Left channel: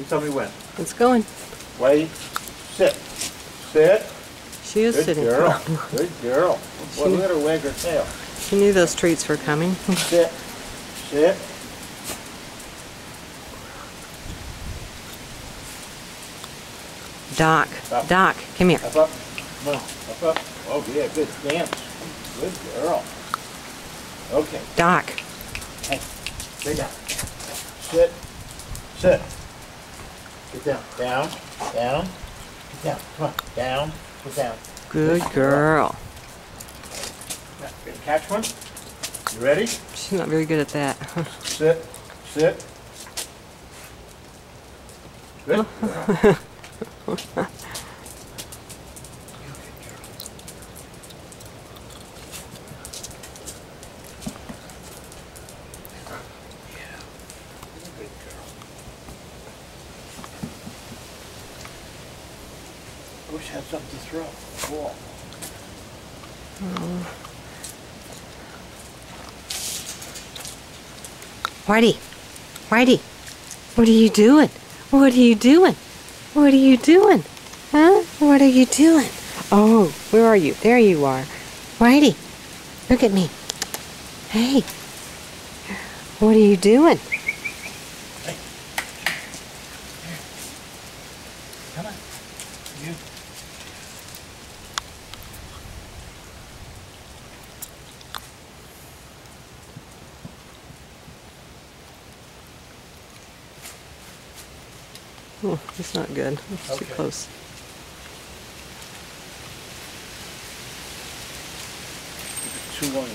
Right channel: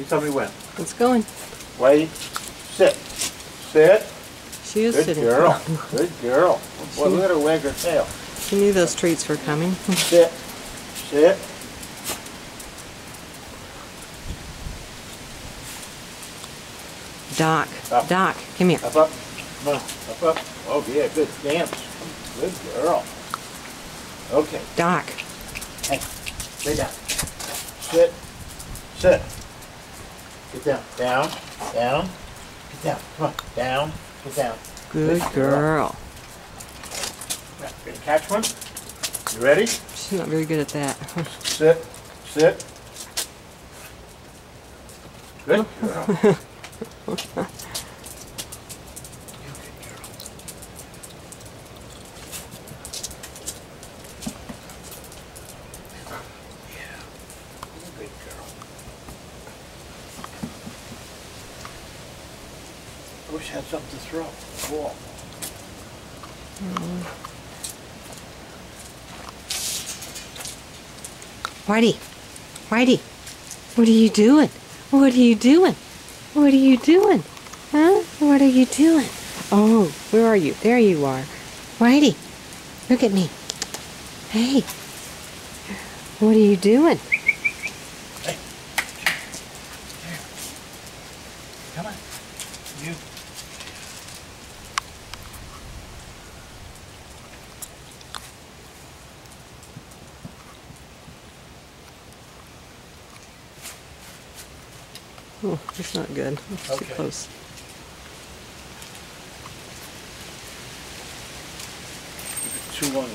You tell me when. It's going. Whitey, sit. Sit. She is Good sitting. girl. Good girl. Boy, look at her wag her tail. She knew those treats were coming. Sit. Sit. Doc. Up. Doc, come here. Up, up. Come on. Up, up. Oh, yeah, good dance. Good girl. Okay. Doc. Hey, lay down. Sit. Sit. Get down. Down. Down. Get down. Come on. Down. Get down. Good girl. Now, gonna catch one? You ready? She's not very good at that. Sit. Sit. Good girl. You good girl. Yeah. You're a good girl. I wish I had something to throw. Cool. Whitey. Whitey. What are you doing? What are you doing? What are you doing? Huh? What are you doing? Oh, where are you? There you are. Whitey, look at me. Hey. What are you doing? Hey. Here. Come on. You. Oh, it's not good. It's too Okay. close. Too long.